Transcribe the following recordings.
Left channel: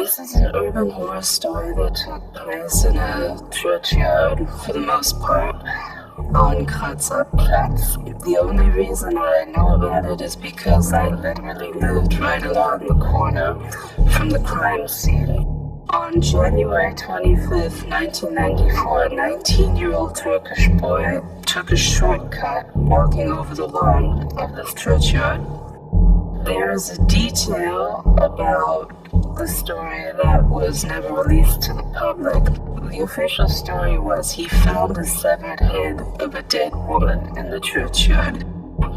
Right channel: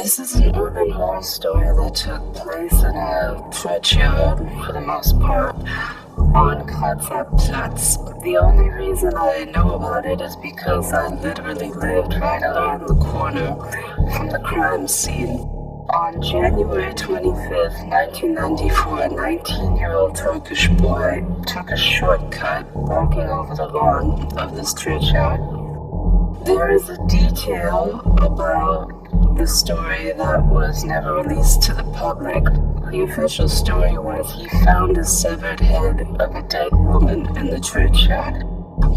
This is an urban horror story that took place in a churchyard, for the most part, on Grazer Platz. The only reason I know about it is because I literally lived right around the corner from the crime scene. On January 25th, 1994, a 19-year-old Turkish boy took a shortcut walking over the lawn of this churchyard. There is a detail about the story that was never released to the public. The official story was he found a severed head of a dead woman in the churchyard.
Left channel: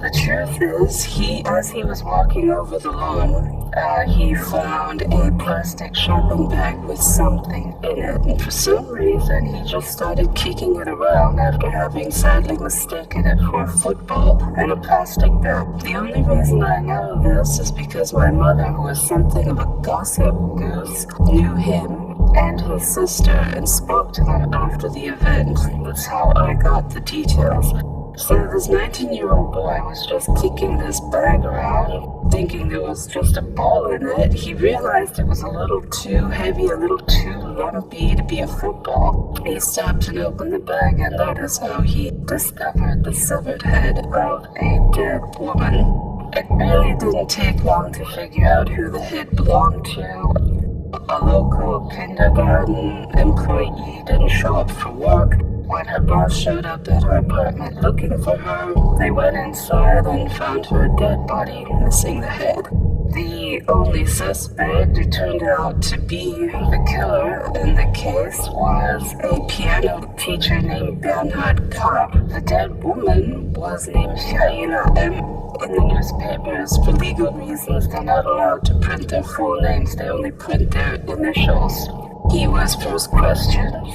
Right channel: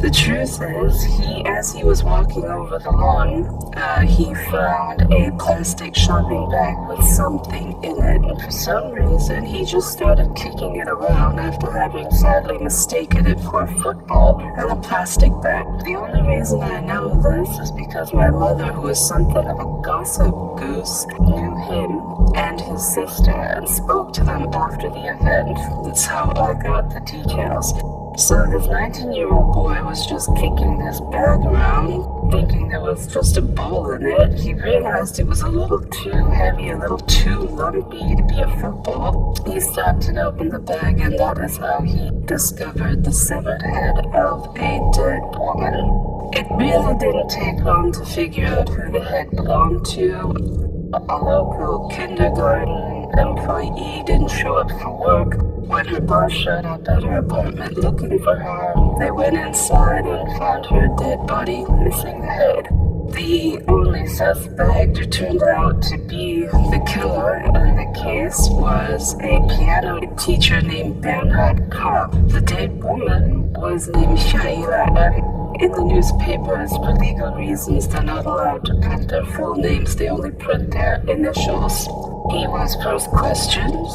The truth is, as he was walking over the lawn, he found a plastic shopping bag with something in it, and for some reason he just started kicking it around after having sadly mistaken it for a football and a plastic bag. The only reason I know this is because my mother, who is something of a gossip goose, knew him and his sister and spoke to them after the event. That's how I got the details. So this 19-year-old boy was just kicking this bag around, thinking there was just a ball in it. He realized it was a little too heavy, a little too lumpy to be a football. He stopped and opened the bag, and that is how he discovered the severed head of a dead woman. It really didn't take long to figure out who the head belonged to. A local kindergarten employee didn't show up for work. When her boss showed up at her apartment looking for her, they went inside and found her dead body, missing the head. The only suspect who turned out to be the killer in the case was a piano teacher named Bernhard K. The dead woman was named Michaela M. In the newspapers, for legal reasons, they're not allowed to print their full names, they only print their initials. He was first questioned,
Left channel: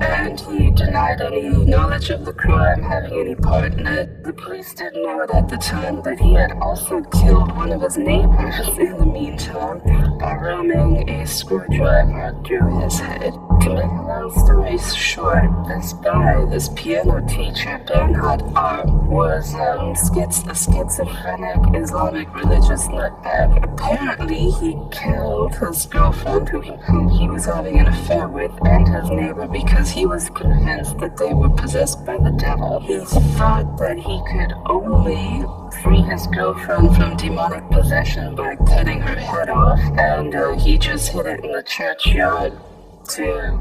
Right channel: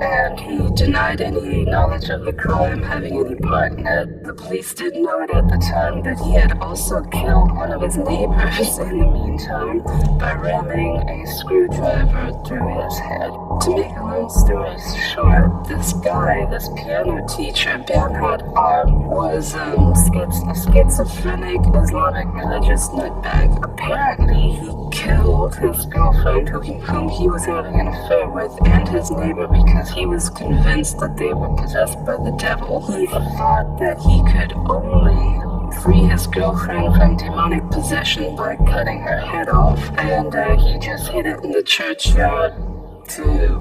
and he denied any knowledge of the crime, having any part in it. The police didn't know it at the time, but he had also killed one of his neighbors in the meantime by ramming a screwdriver through his head. To make a long story short, this guy, this piano teacher, Bernhard R, was a schizophrenic Islamic religious nutbag. Apparently, he killed his girlfriend, whom he was having an affair with, and his neighbor because he was convinced that they were possessed by the devil. He thought that he could only free his girlfriend from demonic possession by cutting her head off, and he just hid it in the churchyard to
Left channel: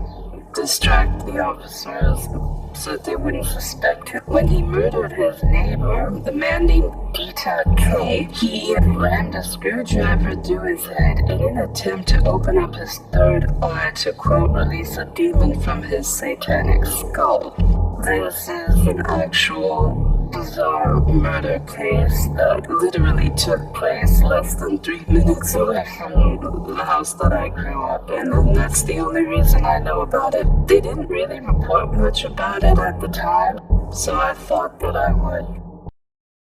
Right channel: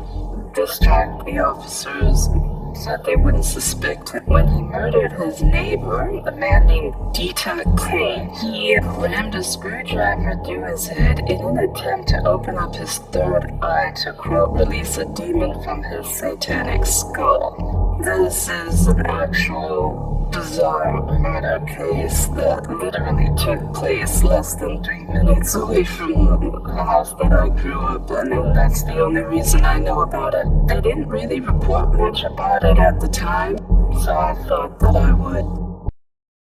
distract the officers so that they wouldn't suspect him. When he murdered his neighbor, a man named Bernhard K, he rammed a screwdriver through his head in an attempt to open up his third eye to, quote, release a demon from his satanic skull. This is an actual bizarre murder case that literally took place less than 3 minutes away from the house that I grew up in, and that's the only reason I know about it. They didn't really report much about it at the time, so I thought that I would.